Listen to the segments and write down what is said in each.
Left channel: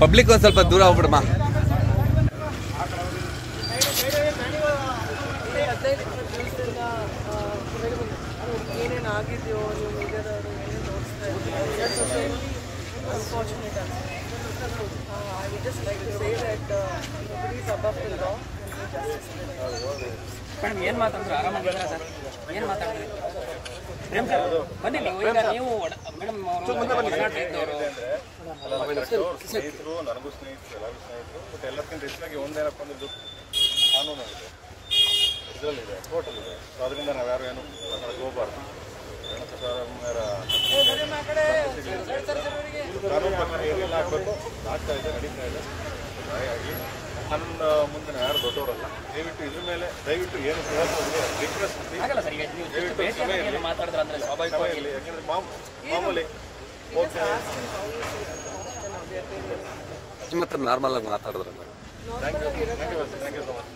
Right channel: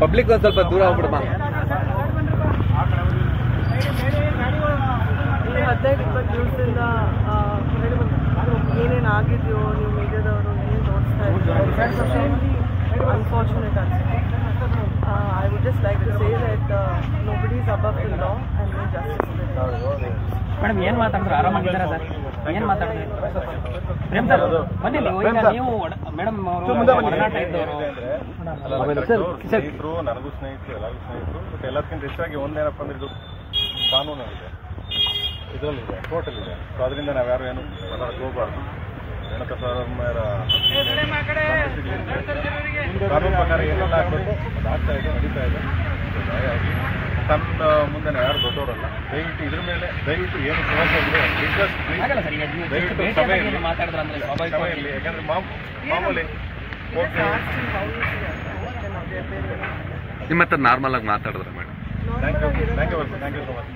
Public ಒಂದು ಸ್ವಲ್ಪ ದೂರ ಹೋಗ್ಬಿಡಮ್ಮ. 15-20 ದಿವಸದಿಂದ ಏನೇನು ಆಗಿದೆಯೋ ನೀವು ಮೀಡಿಯಾದವರು ಏನು ತೋರಿಸ್ತಾ ಇದ್ದಾರೆ ಅನ್ಫಾರ್ಚುನೇಟ್ ಆಗಿದೆ. I would just like to say that nobody is above the law and no justice. Madam ಏನು ಮಾತಾಡಿದ್ರು? ಆರಾಮಾಗಿದ್ದೀರಾ ಸರ್? ಏನು ಮಾತಾಡಿದ್ರು? ಪ್ರೇಮ್ ಸರ್ ಬನ್ನಿ ನೀವು. ಈಗ ನೀವು ಮೇಡಮ್ ಅವರು ಸ್ನೇಹಿತರು, ನನಗೂ ಸ್ನೇಹಿತರು, ಎಲ್ಲರಿಗೂ ಸ್ನೇಹಿತರು. ಬಟ್ ಎಲ್ಲದಕ್ಕಿಂತ ಹೆಚ್ಚಾಗಿ ಒಂದೇನಪ್ಪ ಅಂದ್ರೆ ಇದು ಕಾನೂನು ಇದೆ, ಇದರಲ್ಲಿದೆ, ಕೋರ್ಟಲ್ಲಿದೆ. ಸೊ ಅದರಿಂದ ನಾವ್ಯಾರು ಏನು ಮಾತಾಡಕ್ಕೆ ಹೋಗಬಾರ್ದು. ರೇಣುಕಾ ಸರ್ ಕಾನೂನು ಪ್ರಕಾರ ಏನೆಲ್ಲ ಆಗಬೇಕು ಆಗ್ತಾ ಇದೆ, ನಡೀತಾ ಇದೆ. ಹಾಗಾಗಿ ನನ್ನ ಮುಂದೆ ಯಾರು ದೊಡ್ಡವರಲ್ಲ. ದಯವಿಟ್ಟು ಇದ್ರ ಮೇಲೆ ದಯವಿಟ್ಟು ಏನು ದಯವಿಟ್ಟು ಸಭೆಯಲ್ಲಿ ಸಭೆಯಲ್ಲಿ ಯಾಕಂದ್ರೆ ಮಾಮೂಲಿ ನಿಮ್ಮ ಹತ್ರ ನಾರ್ಮಲ್ ಆಗಿ ಮಾತಾಡಿದ್ರೆ madam. Thank you thank you thank you so much.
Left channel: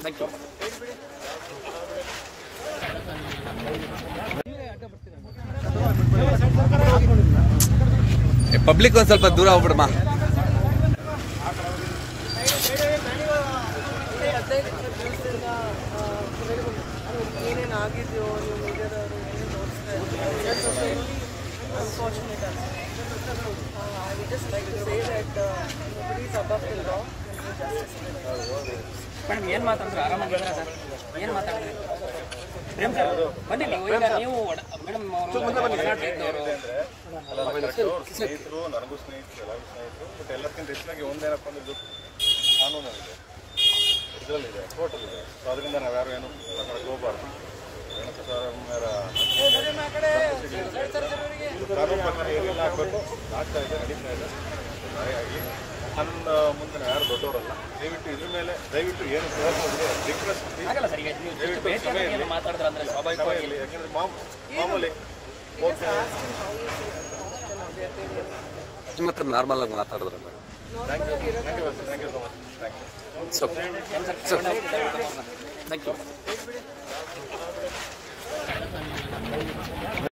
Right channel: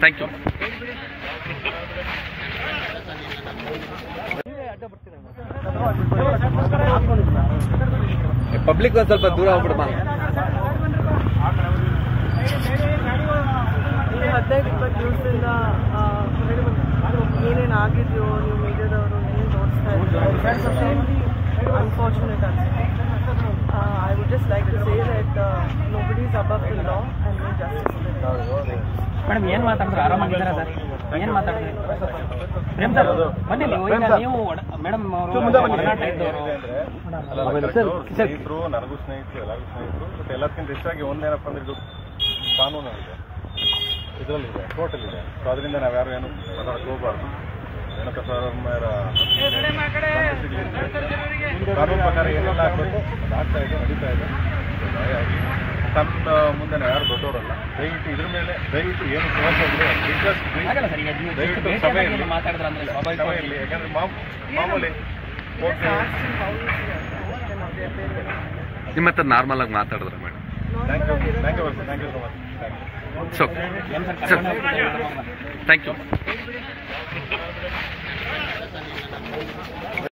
Thank you. Public ಒಂದು ಸ್ವಲ್ಪ ದೂರ ಹೋಗ್ಬಿಡಮ್ಮ. 15-20 ದಿವಸದಿಂದ ಏನೇನು ಆಗಿದೆಯೋ ನೀವು ಮೀಡಿಯಾದವರು ಏನು ತೋರಿಸ್ತಾ ಇದ್ದಾರೆ ಅನ್ಫಾರ್ಚುನೇಟ್ ಆಗಿದೆ. I would just like to say that nobody is above the law and no justice. Madam ಏನು ಮಾತಾಡಿದ್ರು? ಆರಾಮಾಗಿದ್ದೀರಾ ಸರ್? ಏನು ಮಾತಾಡಿದ್ರು? ಪ್ರೇಮ್ ಸರ್ ಬನ್ನಿ ನೀವು. ಈಗ ನೀವು ಮೇಡಮ್ ಅವರು ಸ್ನೇಹಿತರು, ನನಗೂ ಸ್ನೇಹಿತರು, ಎಲ್ಲರಿಗೂ ಸ್ನೇಹಿತರು. ಬಟ್ ಎಲ್ಲದಕ್ಕಿಂತ ಹೆಚ್ಚಾಗಿ ಒಂದೇನಪ್ಪ ಅಂದ್ರೆ ಇದು ಕಾನೂನು ಇದೆ, ಇದರಲ್ಲಿದೆ, ಕೋರ್ಟಲ್ಲಿದೆ. ಸೊ ಅದರಿಂದ ನಾವ್ಯಾರು ಏನು ಮಾತಾಡಕ್ಕೆ ಹೋಗಬಾರ್ದು. ರೇಣುಕಾ ಸರ್ ಕಾನೂನು ಪ್ರಕಾರ ಏನೆಲ್ಲ ಆಗಬೇಕು ಆಗ್ತಾ ಇದೆ, ನಡೀತಾ ಇದೆ. ಹಾಗಾಗಿ ನನ್ನ ಮುಂದೆ ಯಾರು ದೊಡ್ಡವರಲ್ಲ. ದಯವಿಟ್ಟು ಇದ್ರ ಮೇಲೆ ದಯವಿಟ್ಟು ಏನು ದಯವಿಟ್ಟು ಸಭೆಯಲ್ಲಿ ಸಭೆಯಲ್ಲಿ ಯಾಕಂದ್ರೆ ಮಾಮೂಲಿ ನಿಮ್ಮ ಹತ್ರ ನಾರ್ಮಲ್ ಆಗಿ ಮಾತಾಡಿದ್ರೆ madam. Thank you thank you thank you so much. Thank you.